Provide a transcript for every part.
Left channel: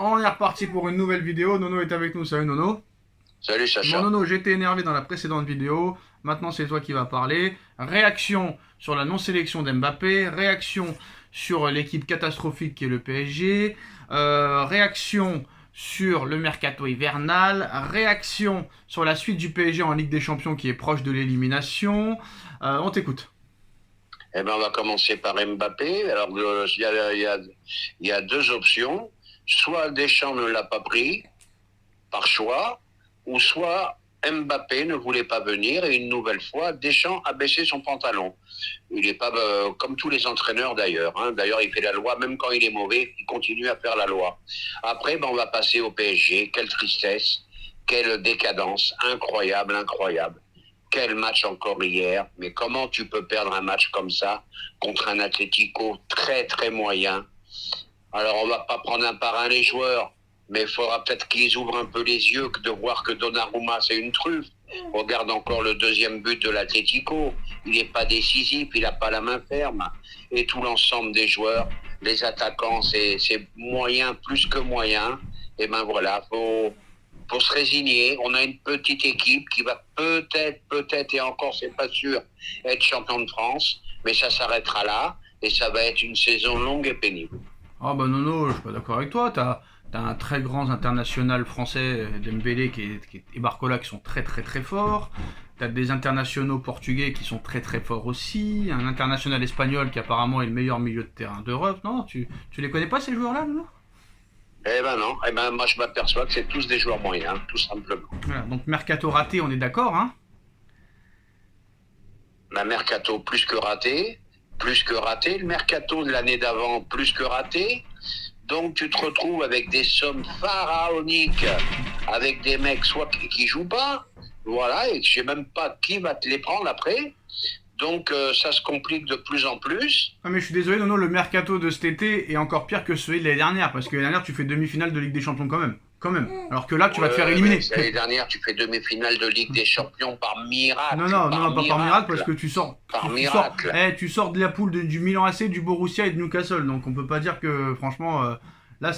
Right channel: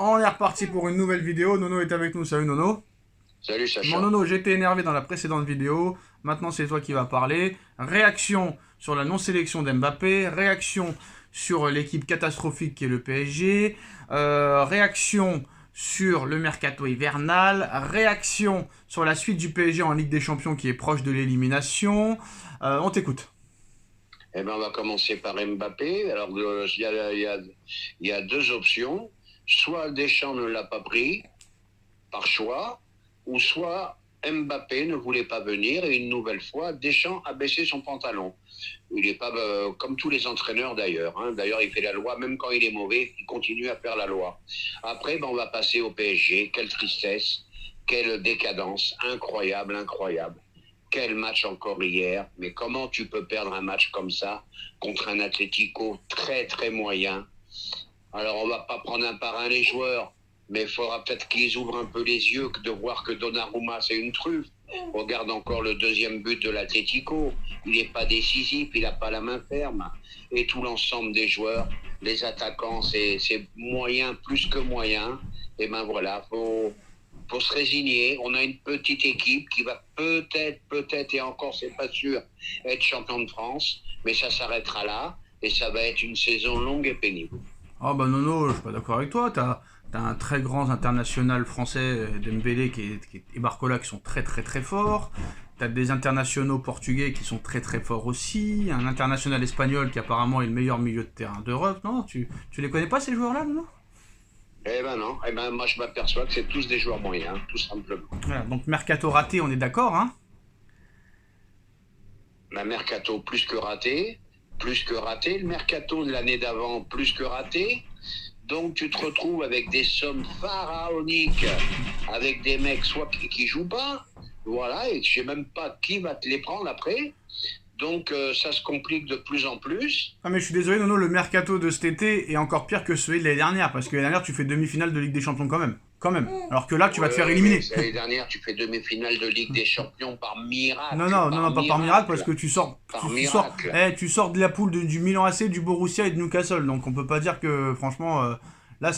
On est reparti pour une nouvelle vidéo. Nono est avec nous. Salut Nono. Salut Bon Sacha. Nono, j'étais énervé dans la précédente vidéo. Maintenant c'est toi qui vas parler. Réaction sur la non-sélection d'Mbappé. Réaction sur l'équipe catastrophique qui est le PSG. Réaction sur le mercato hivernal. Réaction sur la suite du PSG en Ligue des Champions qui est proche de l'élimination. On t'écoute. Eh ben, on va commencer par Mbappé. Alors, il y a deux options. Soit Deschamps ne l'a pas pris par choix, ou soit Mbappé ne voulait pas venir et une nouvelle fois, Deschamps a baissé son pantalon. Il n'est pas comme tous les entraîneurs d'ailleurs. D'ailleurs, il fait la loi, même quand il est mauvais, il continue à faire la loi. Après, on va passer au PSG. Quelle tristesse, quelle décadence, incroyable, incroyable. Quel match encore hier, mais comment tu peux perdre un match comme ça contre un Atlético très très moyen? Alors on va pas prendre un par un les joueurs, mais il faudra peut-être qu'ils ouvrent un peu les yeux de voir que Donnarumma c'est une truffe. Regarde encore le deuxième but de l'Atlético, il n'est pas décisif, il n'a pas la main ferme. Et tout l'ensemble des joueurs, les attaquants, c'est moyen plus que moyen. Et ben voilà, faut se résigner. On a une petite équipe qui va peut-être, et encore c'est pas sûr, être champion de France, mais ça s'arrêtera là et ça va être une saison longue et pénible. Ah bah Nono, je suis pas d'accord avec toi. T'as un très grand international français, Dembélé et Barcola, qui sont très très très forts. T'as des internationaux portugais qui sont très très forts aussi. Un international espagnol qui apparemment est le meilleur milieu de terrain d'Europe. Non, tu les connais pas ces joueurs-là, Nono? Eh ben non, eh ben moi je m'aperçois que c'est tous des joueurs moyens, tout simplement. Voilà, donc mercato raté, on est d'accord, hein? La mercato plus que raté, le mercato de l'année d'avant plus que raté. Donc tu te retrouves avec des sommes pharaoniques, avec des mecs soit qui jouent pas, voilà, et je sais même pas qui va te les prendre après. Donc ça se complique de plus en plus. Ah mais je suis désolé Nono, le mercato de cet été est encore pire que celui de l'année dernière, parce que l'année dernière tu fais demi-finale de Ligue des Champions quand même. Quand même. Alors que là tu vas te faire éliminer. L'année dernière, tu fais demi-finale de Ligue des Champions par miracle. Non, pas par miracle, parce que tu sors, Par tu sors, miracle. tu sors de la poule du Milan AC, du Borussia et de Newcastle. Donc on peut pas dire que franchement, là,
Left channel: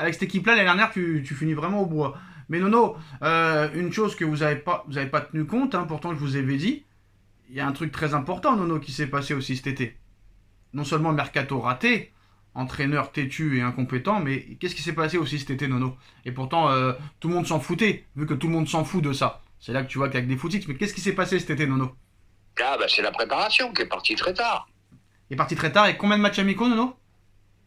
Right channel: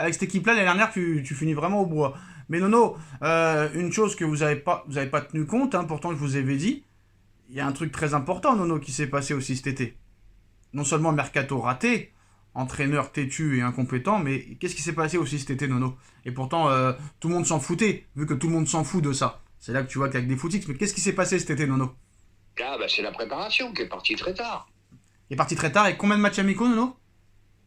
avec cette équipe-là l'année dernière tu finis vraiment au bois. Mais Nono, une chose que vous avez pas tenu compte, hein, pourtant je vous avais dit, il y a un truc très important Nono qui s'est passé aussi cet été. Non seulement mercato raté, entraîneur têtu et incompétent, mais qu'est-ce qui s'est passé aussi cet été, Nono? Et pourtant, tout le monde s'en foutait, vu que tout le monde s'en fout de ça. C'est là que tu vois qu'avec des footix, mais qu'est-ce qui s'est passé cet été, Nono? Ah bah c'est la préparation qui est partie très tard. Il est parti très tard, et combien de matchs amicaux, Nono?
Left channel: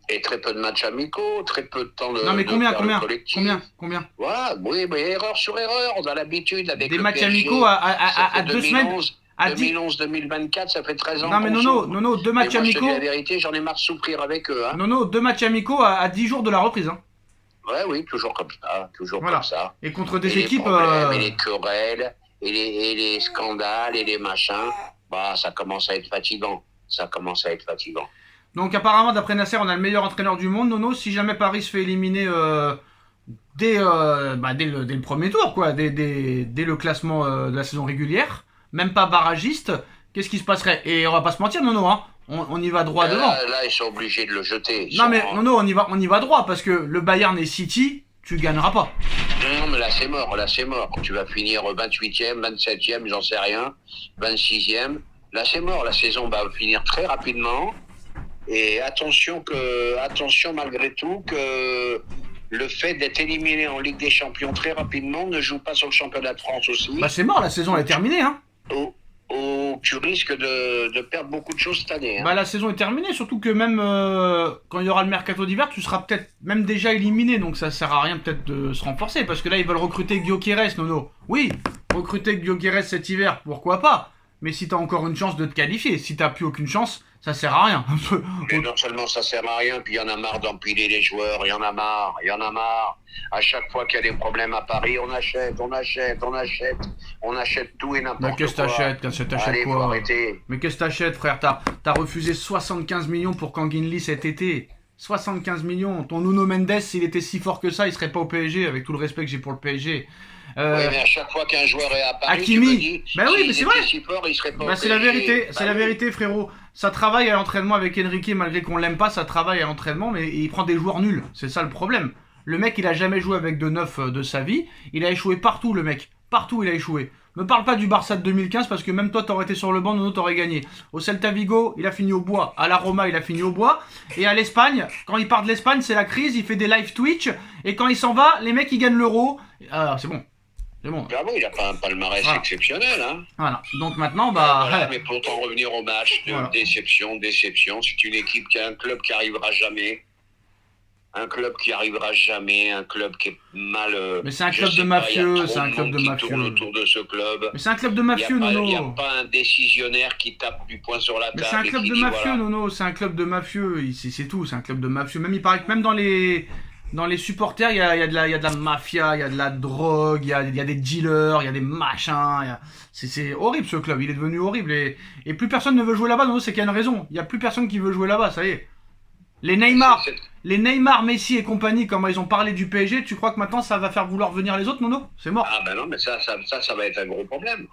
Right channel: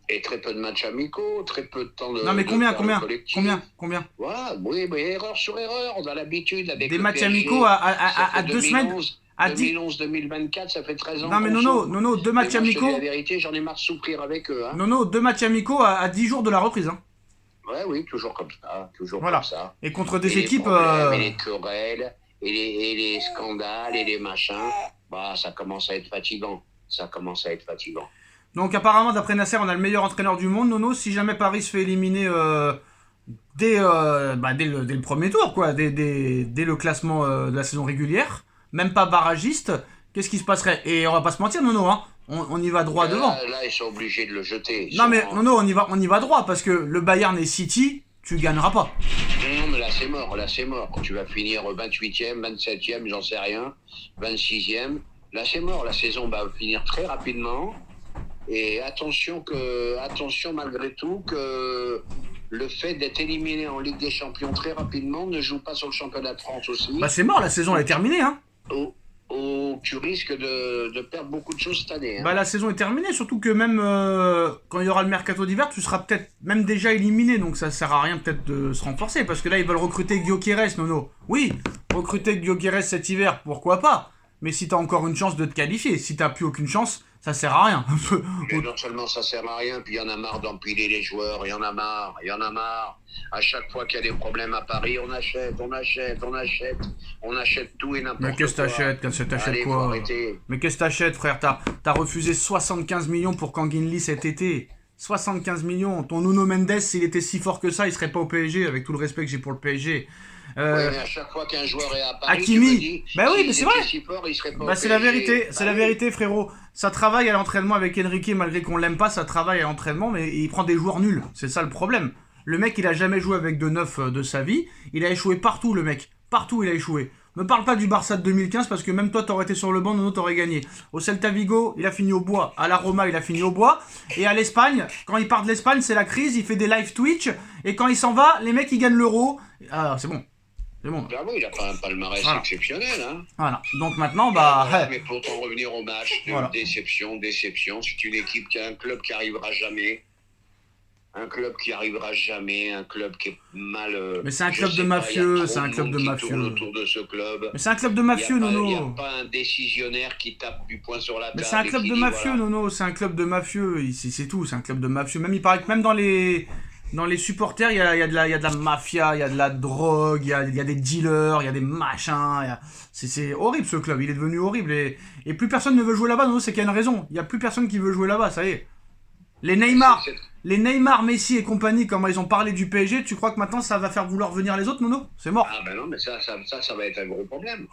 Et très peu de matchs amicaux, très peu de temps Non mais de combien, temps combien, collectif. combien? Voilà, oui, mais erreur sur erreur, on a l'habitude avec Des le matchs PSG. amicaux Ça fait à 2 semaines? 2011, À 10... 2011-2024, ça fait 13 ans Non mais qu'on Nono, souffre. Nono, deux Et matchs moi, je te dis amicaux... la vérité, j'en ai marre de souffrir avec eux. Nono, 2 matchs amicaux à 10 jours de la reprise, hein. Ouais, oui, toujours comme ça, toujours Voilà. comme ça. Et contre des Et les équipes... problèmes, et les querelles, et les scandales, et les machins, bah ça commence à être fatigant. Ça commence à être fatigant. Donc apparemment, d'après Nasser, on a le meilleur entraîneur du monde, Nono. Si jamais Paris se fait éliminer dès le premier tour, quoi, dès le classement de la saison régulière, même pas barragiste, qu'est-ce qui se passerait? Et on va pas se mentir, Nono, hein, on y va droit devant. Là, ils sont obligés de le jeter. Non mais Nono, on y va droit, parce que le Bayern et City, tu gagneras pas. Non, mais là, c'est mort, là, c'est mort. Tu vas finir 28e, 27e, j'en sais rien, 26e. Là, c'est mort. La saison va finir très rapidement. Et attention malgré tout que le fait d'être éliminé en Ligue des Champions très rapidement ne joue pas sur le championnat de France aussi. Bah c'est mort, la saison elle est terminée, hein. Où tu risques de perdre beaucoup de choses cette année. Bah la saison est terminée, surtout que même quand il y aura le mercato d'hiver, tu seras peut-être même déjà éliminé, donc ça sert à rien peut-être de se renforcer, parce que là ils veulent recruter Gyökeres, Nono. Oui, recruter Gyökeres cet hiver, pourquoi pas? Mais si t'as encore une chance de te qualifier, si t'as plus aucune chance, ça sert à rien. Mais non seulement ça sert à rien, puis il y en a marre d'empiler les joueurs, il y en a marre. À chaque fois qu'il y a des problèmes à Paris, on achète tout et n'importe quoi. Mais qu'est-ce que t'achètes? T'achètes Allez, quoi? faut arrêter. Mais qu'est-ce que t'achètes, frère? T'as refusé 75 millions pour Kanginli cet été. 75 millions. Ton Nuno Mendes, s'il était si fort que ça, il serait pas au PSG, avec tout le respect que j'ai pour le PSG. Oui, mais à chaque fois qu'un joueur est à Paris, Hakimi, bah oui, mais c'est vrai. Si fort, il serait pas Bah au c'est la PSG. vérité, c'est la vérité, frérot. Ça travaille à l'entraînement avec Enrique, malgré qu'on l'aime pas, ça travaille à l'entraînement, mais il prend des joueurs nuls. C'est ça le problème. Le mec, il a jamais joué avec de neuf de sa vie. Il a échoué partout, le mec. Partout, il a échoué. Me parle pas du Barça de 2015 parce que même toi, t'aurais été sur le banc, Nono, t'aurais gagné. Au Celta Vigo, il a fini au bois. À la Roma, il a fini au bois. Et à l'Espagne, quand il part de l'Espagne, c'est la crise. Il fait des live Twitch. Et quand il s'en va, les mecs, ils gagnent l'euro. Ah, c'est bon. C'est bon. Bravo, il a pas un palmarès exceptionnel. Hein. Voilà. Donc maintenant, bah. Mais pour en revenir au match, déception. C'est une équipe qui a un club qui arrivera jamais. Un club qui arrivera jamais, un club qui est mal. Mais c'est un club de mafieux, c'est un club de mafieux. Autour de ce club. Mais c'est un club de mafieux, Nono. Il n'y a pas un décisionnaire qui tape du poing sur la table. Mais c'est un club de mafieux, Nono. C'est un club de mafieux. C'est tout, c'est un club de mafieux. Même il paraît que même dans les supporters, il y a de la mafia, il y a de la drogue, il y a des dealers, il y a des machins. C'est horrible ce club. Il est devenu horrible et plus personne ne veut jouer là-bas. Nono, c'est qu'il y a une raison. Il n'y a plus personne qui veut jouer là-bas. Ça y est. Les Neymar, Messi et compagnie, comment ils ont parlé du PSG, tu crois que maintenant ça va faire vouloir venir les autres, Nono? C'est mort. Ah ben non, mais ça va être un gros problème.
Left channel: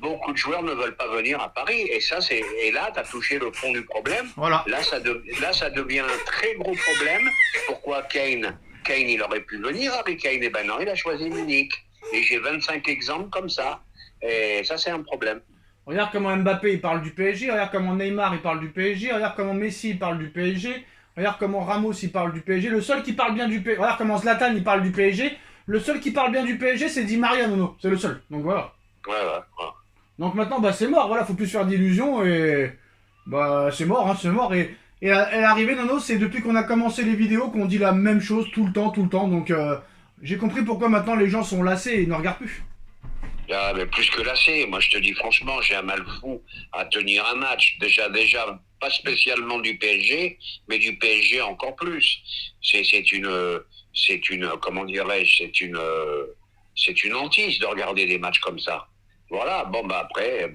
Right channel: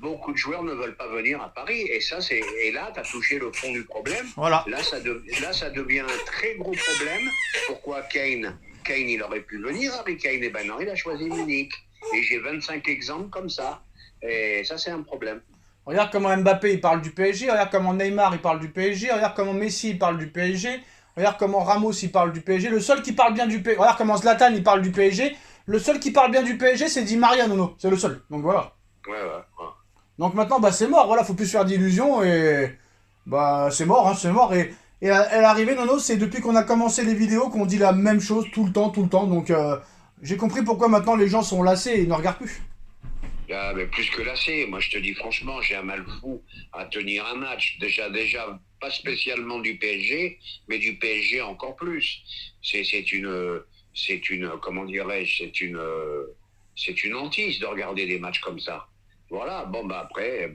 Beaucoup de joueurs ne veulent pas venir à Paris. Et là, tu as touché le fond du problème. Voilà. Là, ça devient un très gros problème. Pourquoi Kane, il aurait pu venir, Harry Kane? Eh ben non, il a choisi Munich. Et j'ai 25 exemples comme ça. Et ça, c'est un problème. Regarde comment Mbappé il parle du PSG, regarde comment Neymar il parle du PSG, regarde comment Messi il parle du PSG, regarde comment Ramos il parle du PSG, le seul qui parle bien du PSG, regarde comment Zlatan il parle du PSG, le seul qui parle bien du PSG c'est Di Maria, Nono, c'est le seul, donc voilà. Ouais. Donc maintenant bah c'est mort, voilà, faut plus se faire d'illusions et bah c'est mort, c'est mort et l'arrivée, Nono, c'est depuis qu'on a commencé les vidéos qu'on dit la même chose tout le temps, donc j'ai compris pourquoi maintenant les gens sont lassés et ne regardent plus. Ah, mais plus que lassé, moi je te dis franchement, j'ai un mal fou à tenir un match. Déjà, pas spécialement du PSG, mais du PSG encore plus. C'est une, comment dirais-je, c'est une hantise de regarder des matchs comme ça. Voilà, bon bah après,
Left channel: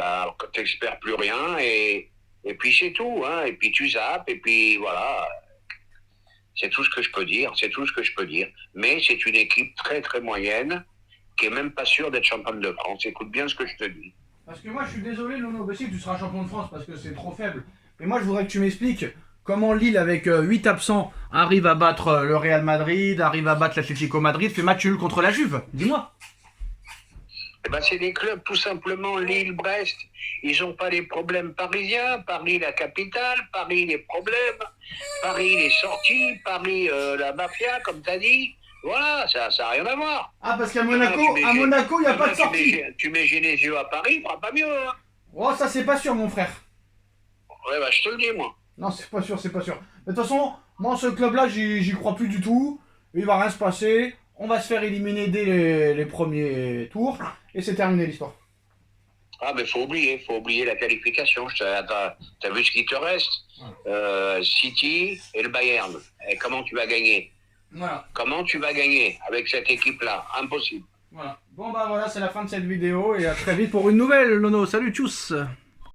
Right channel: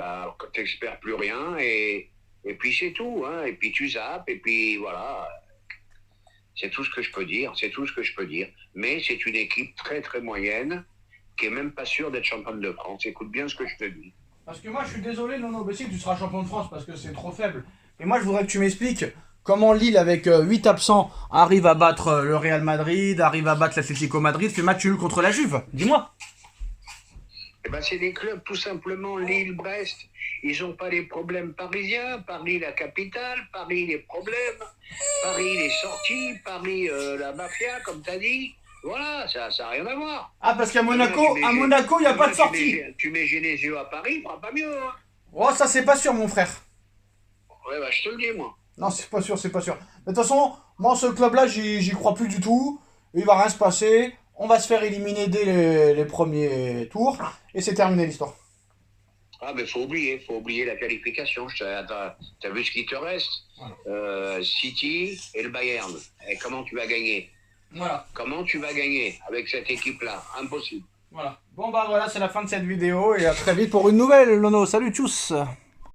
t'espères plus rien et puis c'est tout, hein. Et puis tu zappes et puis voilà. C'est tout ce que je peux dire, Mais c'est une équipe très très moyenne, qui est même pas sûr d'être championne de France. Écoute bien ce que je te dis. Parce que moi, je suis désolé, Nono Bessi, tu seras champion de France parce que c'est trop faible. Et moi, je voudrais que tu m'expliques comment Lille, avec 8 absents, arrive à battre le Real Madrid, arrive à battre l'Atlético Madrid, fait match nul contre la Juve. Dis-moi. Eh ben, c'est des clubs, tout simplement. Lille, Brest, ils n'ont pas les problèmes parisiens. Paris, la capitale. Paris, les problèmes. Paris, les sorties. Paris, la mafia, comme tu as dit. Voilà, ça n'a rien à voir. Ah, parce qu'à Monaco, il n'y a pas de sortie. Tu mets Genesio à Paris, il ne fera pas mieux. Hein. Oh, ça, c'est pas sûr, mon frère. Ouais, bah, je te le dis, moi. Non, c'est pas sûr. Mais de toute façon, moi, ce club-là, j'y crois plus du tout. Il va rien se passer. On va se faire éliminer dès les premiers tours. Et c'est terminé l'histoire. Ah, mais faut oublier la qualification. T'as vu ce qui te reste? City et le Bayern. Et comment tu vas gagner? Voilà. Comment tu vas gagner avec cette équipe-là? Impossible. Voilà. Bon bah voilà, c'est la fin de cette vidéo et à très vite pour une nouvelle, Nono. Salut, tchuss.